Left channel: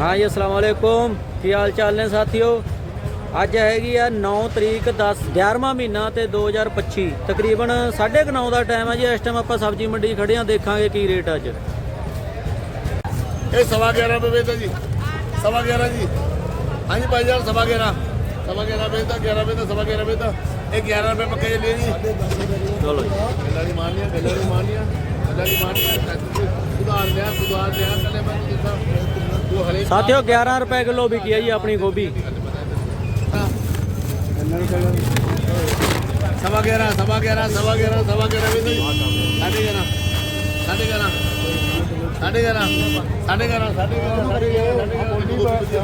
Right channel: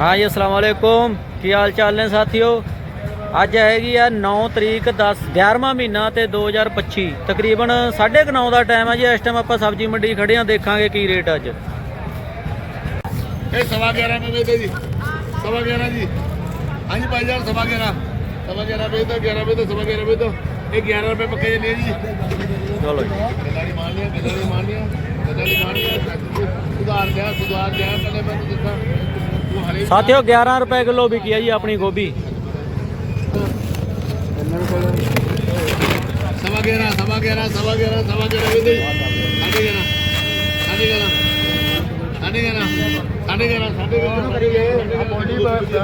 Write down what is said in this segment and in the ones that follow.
ਹਾਂ ਜੀ ਅਸਲਾਮ ਵਾਲੇਕੁਮ ਕੀ ਹਾਲ ਚਾਲ ਨੇ ਸਾਥੀਓ? ਅੱਜ ਹੈਗੀ ਆ 9 ਤਰੀਕ 10 11ਵਾਂ ਮਹੀਨਾ ਤੇ 2025 ਤਕਰੀਬਨ 9:30 ਦਾ ਟਾਈਮ ਹੈ ਜੀ। ਇਸ ਟਾਈਮ ਆਪਾਂ ਸਬਜ਼ੀ ਮੰਡੀ ਖੜੇ ਆ ਦੇਖਾਂਗੇ ਕੀ ਰੇਟ ਅੱਜ। ਇਹ ਸਵਾ 11 ਰੁਪਏ ਵੇਚਦਾ ਜੀ। ਸਵਾ 11 ਜੀ। ਹਾਂਜੀ ਭਾਈ ਸਾਹਿਬ ਸਵਾ 11 ਸਵਾ 11 ਵੇਚਦਾ 11 ਵੇਚਦਾ ਸਵਾ 11 ਵੇਚਦਾ ਇਹ 11 ਰੁਪਏ ਪੱਕੇ ਜੀ। ਚਲੋ ਜੀ। ਗੱਲਾਂ ਨਹੀਂ ਮਾਰਨੀਆਂ ਗੱਲਾਂ ਨਹੀਂ ਮਾਰਨੀਆਂ ਗੱਲਾਂ ਨਹੀਂ ਮਾਰਨੀਆਂ। ਸੁਧਾਰ ਲਿਆ ਸੁਧਾਰ ਲਿਆ ਪਹਿਲੇ ਮੈਨੂੰ ਦੱਸਾਂ ਸਾਥੀਓ 11 ਰੁਪਏ ਕਿਲੋ ਵਿਕੀ ਆ ਜੀ ਆਪਣੀ ਗੋਭੀ। ਸਵਾ 11 ਸਵਾ 11 ਸਵਾ 11 ਸਵਾ 11 ਵੇਚਦਾ ਜੀ। ਸਾਢੇ 11 ਸਾਢੇ 11 ਸਾਢੇ 11 ਸਾਢੇ 11 ਸਾਢੇ 11 ਕਰੀ ਆ। ਬੋਲੀ ਬੇਚਦਾ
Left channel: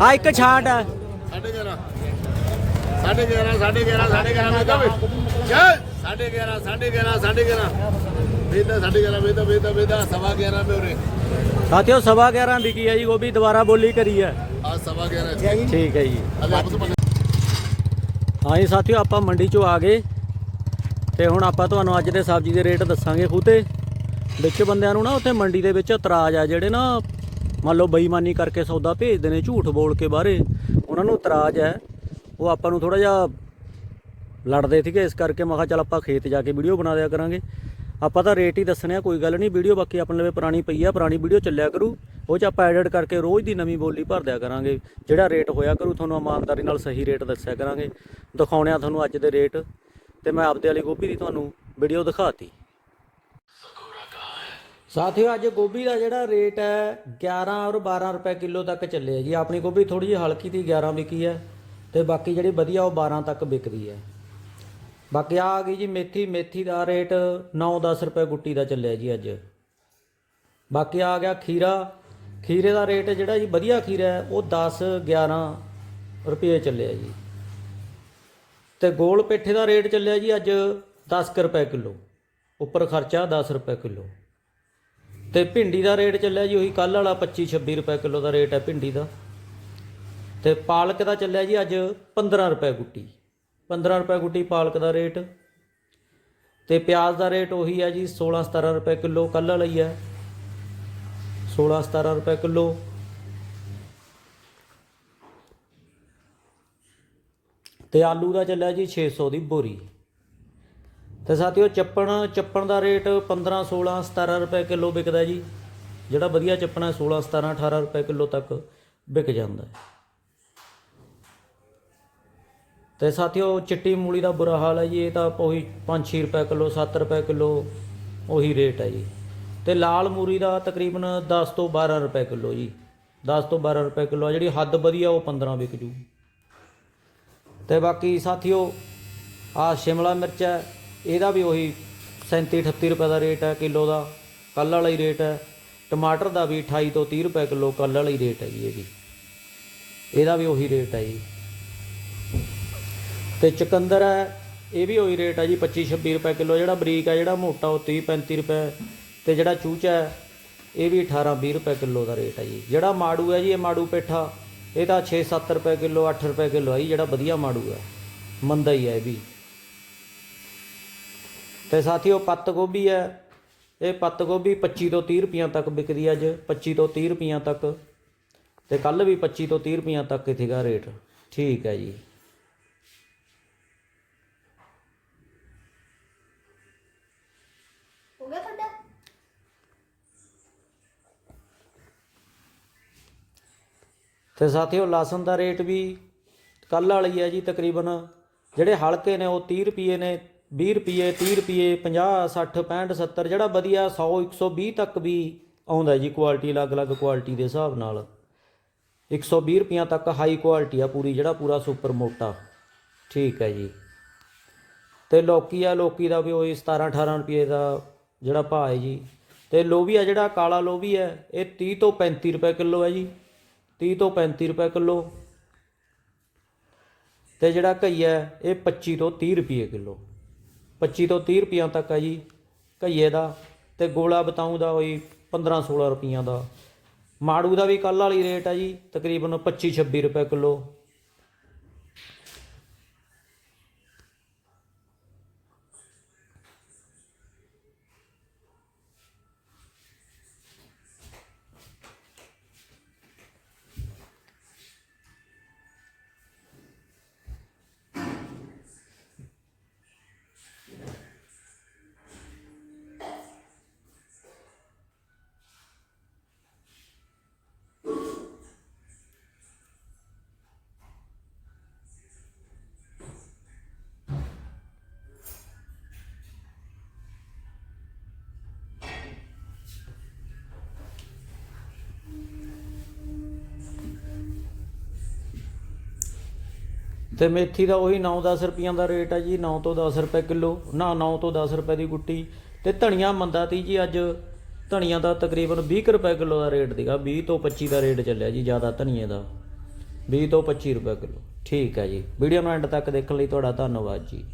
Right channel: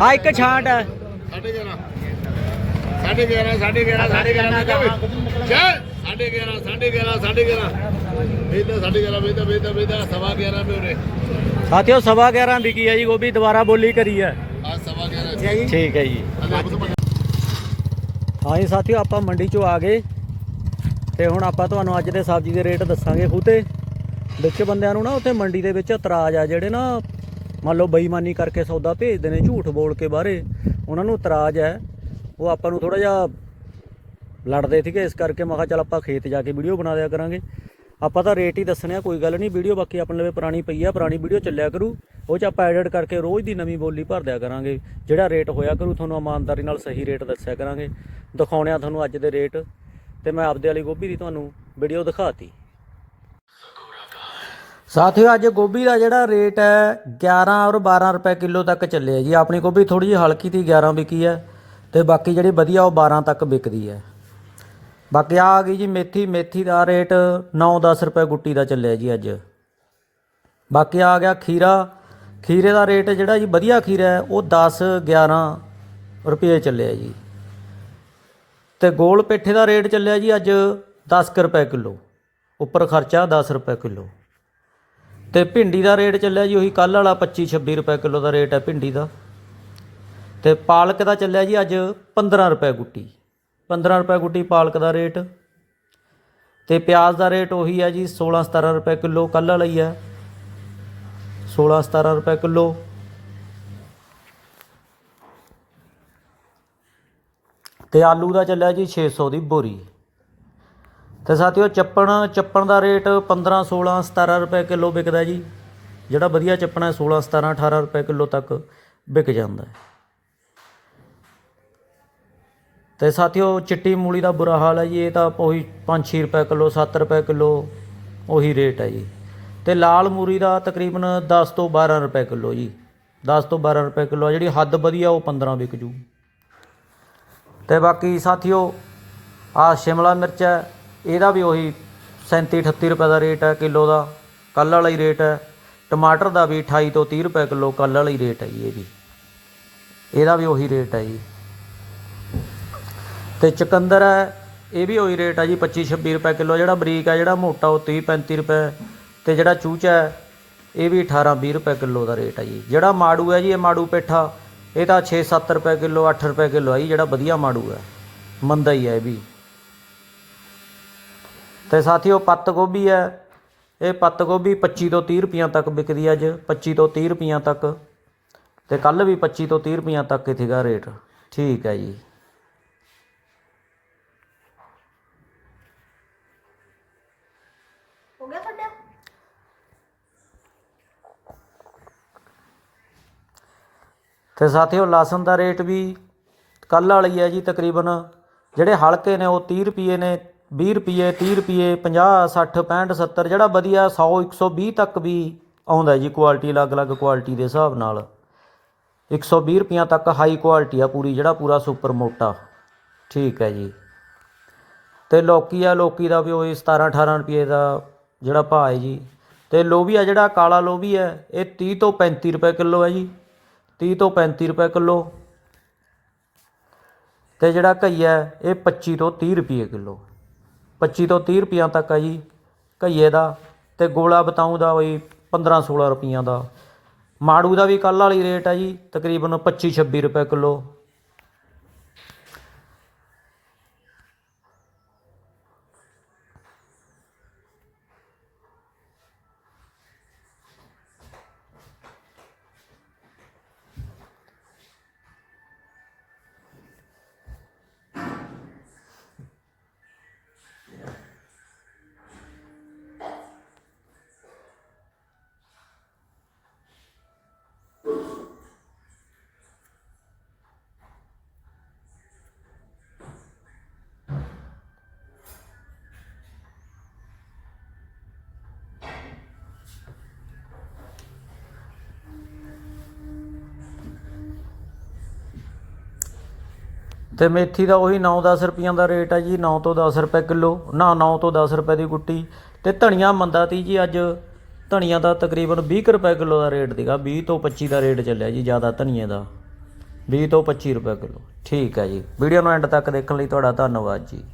ਹਾਂ ਇੱਕ ਛਾਂਟ। ਸਾਢੇ 11 ਸਾਢੇ 11 ਸਾਢੇ 11 ਸਾਢੇ 11 ਮੈਂ ਕਹਾਂ ਚੱਲ ਸਾਢੇ 11 ਸਾਢੇ 11 ਸਾਢੇ 11 ਵੇਦਾ ਸਾਢੇ 11 ਵੇਦਾ ਵੇਦਾ ਵੇਦਾ ਸਵਾ 11 ਮੇ ਉਰੇ। ਸਾਥੀਓ ਸਵਾ 11 ਵਿਕੀ ਆ ਜੀ ਗੋਭੀ ਦੁਬਾਰਾ ਬੋਲੀ ਕਰੀ ਆ। ਆ ਸਵਾ 11 ਠੀਕ ਹੈ ਜੀ। ਹਾਂ ਜੀ ਸਾਥੀਓ ਆਪਾਂ ਮੰਡੀ ਚੋਂ ਆ ਗਏ। ਤੇ ਹੁਣ ਆਪਾਂ ਤੁਹਾਨੂੰ ਅੱਜ ਦੇ ਸਬਜ਼ੀ ਦੇ ਰੇਟ ਦੱਸਾਂਗੇ ਫੂਤੇ ਵਿੱਚ ਬੰਦਿਆਂ ਨੂੰ ਨਾ ਉੱਥੇ ਮੰਡੀ ਦੇ ਵਿੱਚ ਇਤਰਾਜ਼ ਆ ਜਿਹੜੇ ਨਾ ਮੰਨ ਲਓ ਬੇਈਮਾਨੀ ਕਰਕੇ ਸੌਦਾ ਭੇਜਦੇ ਨੇ ਝੂਠ ਬੋਲ ਕੇ ਬਾਹਰੇ। ਉਹਨਾਂ ਨੂੰ ਇਤਰਾਜ਼ ਹੈ ਉਹ ਆਪਾਂ ਨੂੰ ਥੋੜਾ ਜਿਹਾ ਲੜਦੇ ਸੀਗੇ, ਇਸ ਕਰਕੇ ਮੈਂ ਕਿਹਾ ਚੱਲ ਆਪਾਂ ਖੇਤ ਜਾ ਕੇ ਵੀਡੀਓ ਬਣਾ ਲਿਆ ਕਰਾਂਗੇ। ਆਪਾਂ ਤਾਂ ਰੇਟ ਹੀ ਦੱਸਣੇ ਆ, ਕੋਈ ਗੱਲ ਨਹੀਂ, ਵੀਡੀਓ ਬਾਕੀ ਆਪਣੇ ਲਵੇ ਪੁਰਾਣੀ ਪਈ ਆ, ਪੁਰਾਣੀ ਵੀਡੀਓ ਚੱਲਿਆ ਕਰੂ। ਉਹ ਚ ਆਪਾਂ ਐਡਿਟ ਕਰਕੇ ਰੋਜ਼ ਦੀ ਨਵੀਂ ਬੋਲੀ ਭਰ ਦਿਆ ਕਰਾਂਗੇ। ਜਿਹੜਾ ਰੇਟ ਹੋਇਆ ਕਰੂ, ਤੁਹਾਨੂੰ ਇਮਾਨਦਾਰੀ ਨਾਲ ਸਹੀ ਰੇਟ ਦੱਸਿਆ ਕਰਾਂਗੇ। ਦਿਖਾਉਣੇ ਆ ਤੁਹਾਨੂੰ ਅੱਜ ਦੇ ਰੇਟ ਤੇ ਮੈਂ ਆਪਦੇ ਵਾਲੀ ਗੋਭੀ ਦੀ ਤੁਹਾਨੂੰ ਵੀਡੀਓ ਦਿਖਾਤੀ। ਸਾਥੀਓ, ਅੱਜ ਗੋਭੀ ਦਾ ਜਿਹੜਾ ਰੇਟ ਹੈ 11 ਔਰ 12 ਰੁਪਏ ਕਿਲੋ ਤੱਕ ਚੱਲਿਆ ਜੀ। ਆਪਣੀ ਗੋਭੀ ਥੋੜੀ ਜਿਹੀ ਹਲਕੀ ਤੀ 11 ਵਿਕੀ ਹੈ। ਤੇ ਬਾਕੀ ਜਿਹੜੀ ਵਧੀਆ ਉਹ 12 ਤੱਕ ਵਿਕਦੀ ਹੈ। ਬਾਕੀ ਆ ਆ ਗਈ ਜੀ ਮੇਥੀ ਮੇਥੀ ਦਾ ਰੇਟ 9-10 ਰੁਪਏ ਗੁੱਟੀ ਦਾ ਚੱਲਿਆ ਜੀ ਅੱਜ। ਬਾਕੀ ਆ ਗਿਆ ਖੀਰਾ। ਖੀਰੇ ਦਾ ਰੇਟ ਜਿਹੜਾ ਜੀ ਵਧੀਆ ਖੀਰਾ ਹੈ, ਉਹ 10-11 ਰੁਪਏ ਚੱਲਿਆ ਜੀ। ਤੇ ਗੋਲ ਪੇਠੇ ਦਾ ਰੇਟ ਚੱਲਿਆ ਜੀ ਅੱਜ 10 ਕੁ ਰੁਪਏ ਕਿਲੋ। ਉੱਪਰ ਖਰਚਾ 10 ਰੁਪਏ ਕਿਲੋ। ਤੇ ਭਿੰਡੀ ਦਾ ਰੇਟ ਚੱਲਿਆ ਜੀ ਉਹੀ ਕੱਲ ਵਾਲਾ 25 26 ਰੁਪਏ ਕਿਲੋ ਦਾ ਰੇਟ ਹੈ ਭਿੰਡੀ ਦਾ। ਤੇ ਪਾਲਕ ਦਾ ਚੱਲਿਆ ਜੀ ਅੱਜ 15 ਰੁਪਏ ਗੁੱਟੀ। 15 ਰੁਪਏ ਗੁੱਟੀ ਪਾਲਕ ਦਾ ਰੇਟ। ਤੇ ਪਿਆਜ਼ ਦਾ ਰੇਟ ਉਹੀ ਹੈ ਜੀ 16 17 ਰੁਪਏ ਕਿਲੋ ਕੱਲ ਲਈ ਹੈ। 16 17 ਰੁਪਏ ਕਿਲੋ। ਤੇ ਆਲੂ ਦਾ ਚੱਲਿਆ ਜੀ 600 ਦੀ ਬੋਰੀ। ਤੇ ਸਾਥੀਓ ਚੱਪਣ ਚੱਪਣ ਦਾ ਰੇਟ 15 16 17 ਰੁਪਏ ਕਿਲੋ ਵਿਕਦਾ ਜੀ। ਜਿਹੜਾ ਵਧੀਆ ਚੱਪਣ ਹੈ 16 17 18 ਰੁਪਏ ਕਿਲੋ ਤੱਕ ਵਿਕ ਜਾਂਦਾ ਹੈ। ਤੇ ਸਾਥੀਓ, ਚਿੱਟੀ ਮੂਲੀ ਦਾ ਬੁਰਾ ਹਾਲ ਹੈ ਜੀ, ਇਹ ਤਾਂ ਉਹੀ 5-6 ਰੁਪਏ ਕਿਲੋ 7 ਰੁਪਏ ਕਿਲੋ ਉਹੀ ਰੇਟ ਹੈ ਜੀ। ਤੇ ਲਾਲ ਮੂਰੀ ਦਾ ਤਕਰੀਬਨ 10 ਤੋਂ 12 ਰੁਪਏ ਕਿਲੋ ਜੀ। 10 ਤੋਂ 12 ਰੁਪਏ ਕਿਲੋ ਆ, ਜਿਹੜੀ ਹੱਦ ਵਧੀਆ ਉਹ 15 ਵਿਕ ਜੂ। ਤੇ ਬਾਕੀ ਸਾਥੀਓ ਆ ਸ਼ਿਮਲਾ ਮਿਰਚ ਹੈ, ਇਹਦਾ ਵੀ ਉਹੀ 37 38 ਰੁਪਏ ਦਾ ਰੇਟ ਹੈ ਕਿਲੋ ਦਾ ਕੱਲ ਵਾਲਾ ਹੀ ਰੇਟ ਹੈ। ਟਮਾਟਰ ਦਾ ਵੀ 28 ਤੋਂ 30 ਰੁਪਏ ਕਿਲੋ ਕੱਲ ਵਾਲਾ ਹੀ ਰੇਟ ਹੈ ਜੀ ਇਹ ਵੀ। ਇਹਦਾ ਵੀ ਉਹੀ ਰੇਟ ਹੈ ਜੀ। ਤੇ ਚੁਕੰਦਰ ਹੈ, ਇਹ ਵੀ ਉਹੀ ਰੇਟ ਹੈ ਜੀ 25 26 ਰੁਪਏ ਕਿਲੋ, ਜਿਹੜਾ ਬਰੀਕ ਹੈ ਜਿਹੜਾ ਮੋਟਾ ਉਹ 30 35 ਰੁਪਏ, ਤੇ ਜਿਹੜਾ ਚੂਚਾ ਹੈ, ਇਹ ਵੀ 18 20 ਰੁਪਏ ਕਿਲੋ ਦਾ ਰੇਟ ਹੈ ਜੀ। ਜਿਹੜਾ ਮਾੜੂ ਹੈ ਜੀ, ਇਹ ਮਾੜੂ ਪੇਠਾ, ਇਹ ਤਾਂ 6 7 ਰੁਪਏ ਕਿਲੋ 8 ਰੁਪਏ ਕਿਲੋ ਹੈ ਜੀ, ਜਿਹੜਾ ਵਧੀਆ ਮਾੜੂ ਹੈ, ਮੰਦਾ ਹੀ ਹੈ ਇਹ ਵੀ। ਤੇ ਸਾਥੀਓ, ਪੱਤ ਗੋਭੀ ਹੈ, ਇਹ ਪੱਤ ਗੋਭੀ 25 ਤੋਂ 30 ਰੁਪਈਆਂ ਤੱਕ ਵਿਕਦੀ ਹੈ ਅੱਜ 25 ਤੋਂ 30 ਰੁਪਈਆਂ ਤੱਕ, ਤੇ ਕੱਲ ਵੀ 25 ਤੋਂ 30 ਰੁਪਈਆਂ ਤੱਕ ਹੀ ਸੀਗਾ ਰੇਟ, ਠੀਕ ਹੈ ਜੀ। ਤੇ ਸਾਥੀਓ ਲਸਣ ਦਾ ਰੇਟ ਵੀ ਕੱਲ ਵਾਲੀ ਹੈ ਜੀ ਤਕਰੀਬਨ, ਜਿਹੜੇ ਹਲਕੇ ਨੇ ਉਹ 30 ਰੁਪਏ ਨੇ 20 ਰੁਪਏ 30 ਰੁਪਏ 50 60 65 70 ਜਿਹੜਾ ਵਧੀਆ 100 120 ਤੱਕ ਵੀ ਆਉਂਦਾ ਜੀ ਕੁਆਲਿਟੀ ਅਲੱਗ-ਅਲੱਗ ਕੁਆਲਿਟੀ ਦੇ ਹਿਸਾਬ ਨਾਲ। 120 ਰੁਪਈਆਂ ਤੱਕ ਹਾਈ ਕੁਆਲਿਟੀ ਆ ਪੂਰੀ, ਜਿਹੜਾ ਪੂਰਾ ਸੁਪਰ ਮੋਟਾ। ਠੀਕ ਹੈ ਜੀ। ਤੇ ਲੋਕੀ ਆ, ਲੋਕੀ ਦਾ ਵੀ ਉਹੀ 17 18 ਰੁਪਏ ਦਾ ਜਿਹੜਾ ਭਾਅ ਹੈ ਜੀ। ਤੇ ਲੋਬੀਆ ਜਿਹੜਾ ਕਾਲਾ ਲੋਬੀ ਹੈ, ਇਹ 30 ਤੋਂ 35 ਰੁਪਏ ਕਿਲੋ ਹੈ ਜੀ। 30 ਤੋਂ 35 ਰੁਪਏ ਕਿਲੋ। ਤੇ ਜਿਹੜਾ ਘਈਆ ਇਹ 25 ਤੋਂ 30 ਰੁਪਏ ਕਿਲੋ। 25 ਤੋਂ 30 ਰੁਪਈਆਂ ਤੱਕ ਹੈ ਜੀ ਘਈਏ ਦਾ। ਤੇ ਗੋਲਾ ਬਤਾਊ ਦਾ ਬਈ 15 16 ਰੁਪਈਆਂ ਦਾ। ਮਾੜੂ ਦਾ ਵੀ ਕੱਲ ਵਾਲੀ ਰੇਟ ਹੈ ਜੀ, ਤਕਰੀਬਨ 25 26 ਰੁਪਏ ਕਿਲੋ। ਤੇ ਮੇਥੀ ਦਾ ਉਹੀ 9-10 ਰੁਪਈਆਂ ਦਾ ਰੇਟ ਹੈ ਜੀ 9 ਤੋਂ 10 ਰੁਪਏ ਕਿਲੋ, ਨਾ 9 ਤੋਂ 10 ਰੁਪਏ ਦੀ ਗੁੱਟੀ ਤੇ ਧਨੀਆ ਮੰਦਾ ਤੀ ਜੀ ਅੱਜ। ਧਨੀਆ ਦਾ ਤਕਰੀਬਨ 20 ਕੁ ਰੁਪਏ ਕਿਲੋ ਦਾ ਰੇਟ ਸੀਗਾ 20 ਤੋਂ 25 ਦਾ ਰੇਟ ਚੱਲਿਆ ਜੀ ਜ਼ਿਆਦਾ ਧਨੀਏ ਦਾ। 20 ਤੋਂ 25 ਰੁਪਏ ਕਿਲੋ। ਠੀਕ ਹੈ ਜੀ। ਵੀਡੀਓ ਨੂੰ ਐਂਡ ਤੱਕ ਦੇਖਣ ਲਈ ਤੁਹਾਡਾ ਧੰਨਵਾਦ ਜੀ।